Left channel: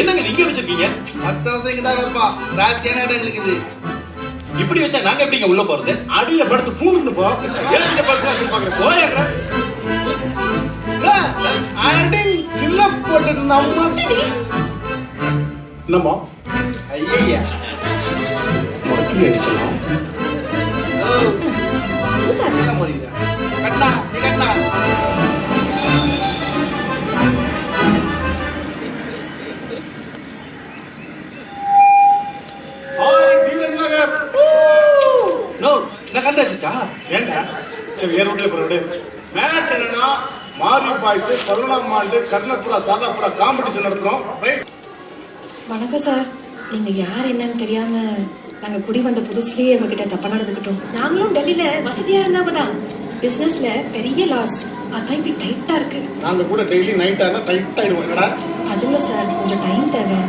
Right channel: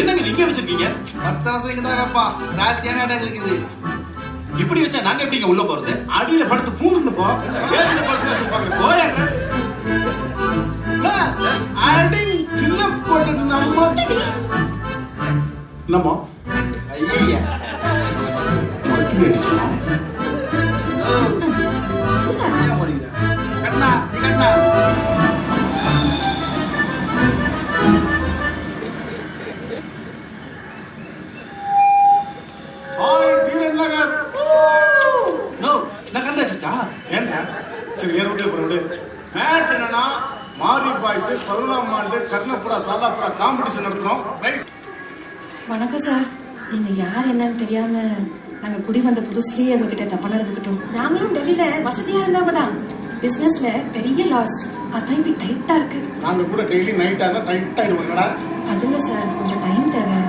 என்னங்க இங்க வச்சிருக்கீங்க? இப்படி வச்சா நாங்க எப்படிங்க உள்ள போறது? அடியில படுத்து பூண்டு போ. ஏசில பர்சனல் சொல்லுவாங்க. போயேங்க. அடி சின்ன போட்டு நம்ம என்னமோ ஐயா மொத்தம் அடிச்சோம். கண்ணா கண்ணா ஏண்டா சரி வேற வீட்டுல போற விடு. மேட்ச் என்னன்னா மாரி பாய்ஸ் 11ஆம் ஆண்டு கர்ணபுரா சாதாபுரா காம்படிஷன் நடத்துறோம். வணக்கம் சார். நீங்க யார் என்னன்னு தெரியாம நாங்க குடி வந்த புதுசுலயே உங்ககிட்ட தப்பா நடந்துக்கிட்டோம். நாங்களும் டெல்லியில வசதியா இருந்தவங்க தான். பிசினஸ்ல பெரிய லாஸ். அதான் இப்படி டைட்டா இருக்கு. நாங்க கூட டெய்லி நைட் ஆனா டைட் ஆயிடுவோம். என்னடா அது இல்ல சார், கொஞ்சம் டைம் தேவை.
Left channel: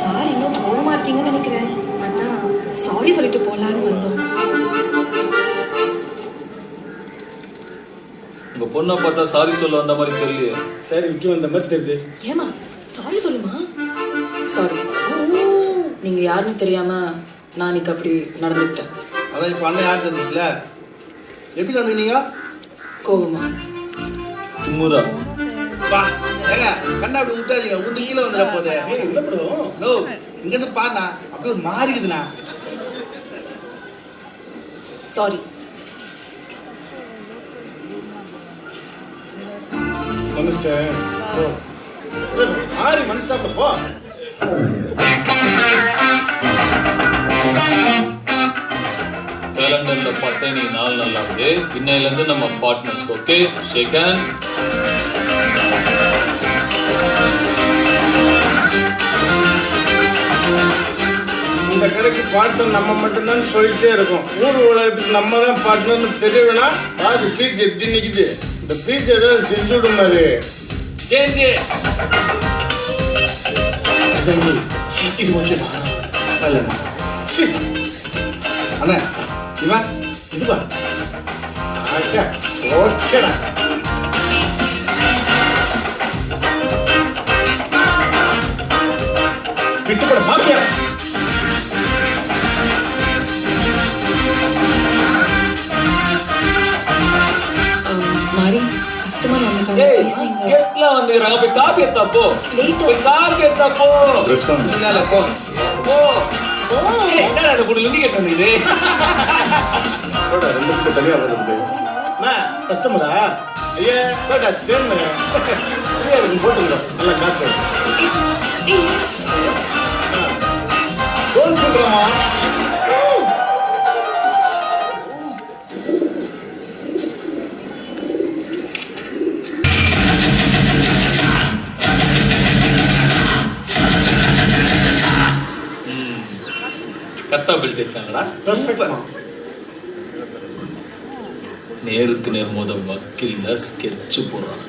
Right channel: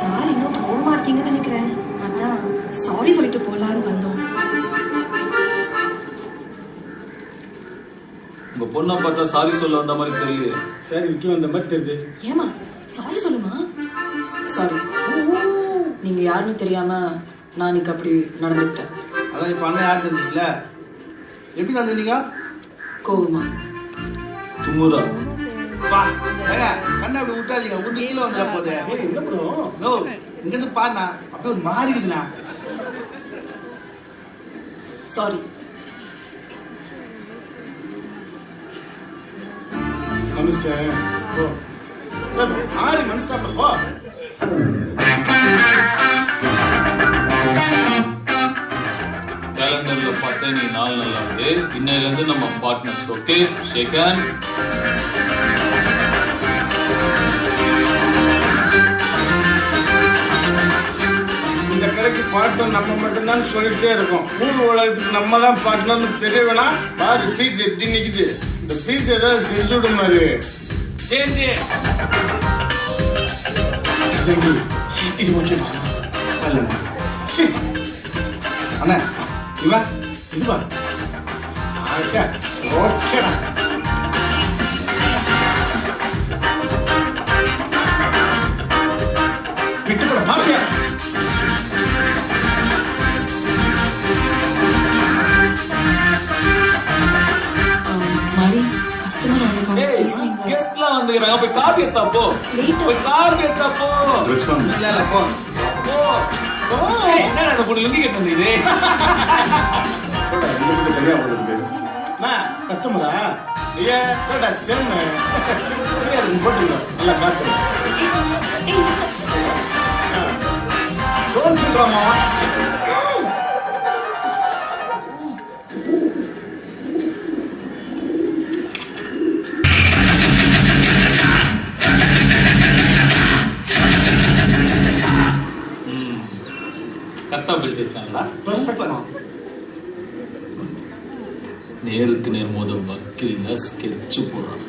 சார் இன்னும் கோவமா இருக்கீங்கன்னு நினைக்கிறேன். அதான் சாரி சொல்லிட்டு போலான்னு வந்தோம். உங்க பொண்ணை பார்த்தா சாரி சொல்ல வந்த மாதிரி தெரியலையே. சரி விட்டு வந்த மாதிரி தெரியுது. ஏமா சாரி சொல்லுமா. சாரி, நீங்க யாருன்னு தெரியாம நான் இன்னைக்கு அப்படி நடந்துக்கிட்டேன். அதான் இப்ப அண்ணன் யார் தெரிஞ்சுல? எப்படி நடந்துக்கிட்டீங்க? கோபமா தும்முரா வா ஏங்க கண்ணா அப்படி விட்டாதீங்க. உண்டு கீழே வந்துட போதே. என்ன ப்ரோ நோ இங்க இருந்து பாருண்ணா அப்படியே ஒரு மாறிக்குதுண்ணா. சாரி. மனுஷன் போ. ஆறு மனுஷன் போ. கேலண்டர்ல பார்த்தா நீ நாள் நல்லா இருக்கு. இன்னையில இருந்து நம்ம பார்ட்னர்ஸ். ஓகே ஷேக் ஹேண்ட். இந்த கடைக்கு பார்ட்னர் நம்ம மட்டும்தான் சொல்லிட்டே இருக்கோம். ஊர் உலகத்துக்கு நம்ம தான் பார்ட்னர்னு தெரியவேனா? பாதி பீஸ் எப்படி நிக்குது. இந்த பீஸ் ஏதாவது செஞ்சு விட மாதிரி சேஞ்சி இது ஓகேவா? இல்லைண்ணா அண்ணா இவன் இதுவா ஓகேடா. விட்டுப்பட பாப்பியா? மாரி கஸ்டமர் வந்திருக்காங்க. ப்ளீஸ் நீங்க கெஸ்ட்லாம் வந்துக்கறாங்க. போய் காபி எடுத்தா போ. போய் காபி எடுத்தா போ. ட்ரெஸ் வாங்க. இல்ல போ. போ. என்னடா அந்த பொண்ணு லிங்கி கட்ட வந்தீங்க? போடா ரெண்டு பேரும் தனியா போடுறது. நான் கஸ்டமரா? ஐயா போடா சேம். ஃப்ரீயா இருக்கு போட்டுங்க. நல்லா காத்து. டோன்ட் சொல்றமா. கத்தா பில் தேச்சாங்களா? பெர்ஃபெக்ட். நேருக்கு நேர் மோத வக்கீல்ல ஸ்கெட்ச் போடுறாங்க.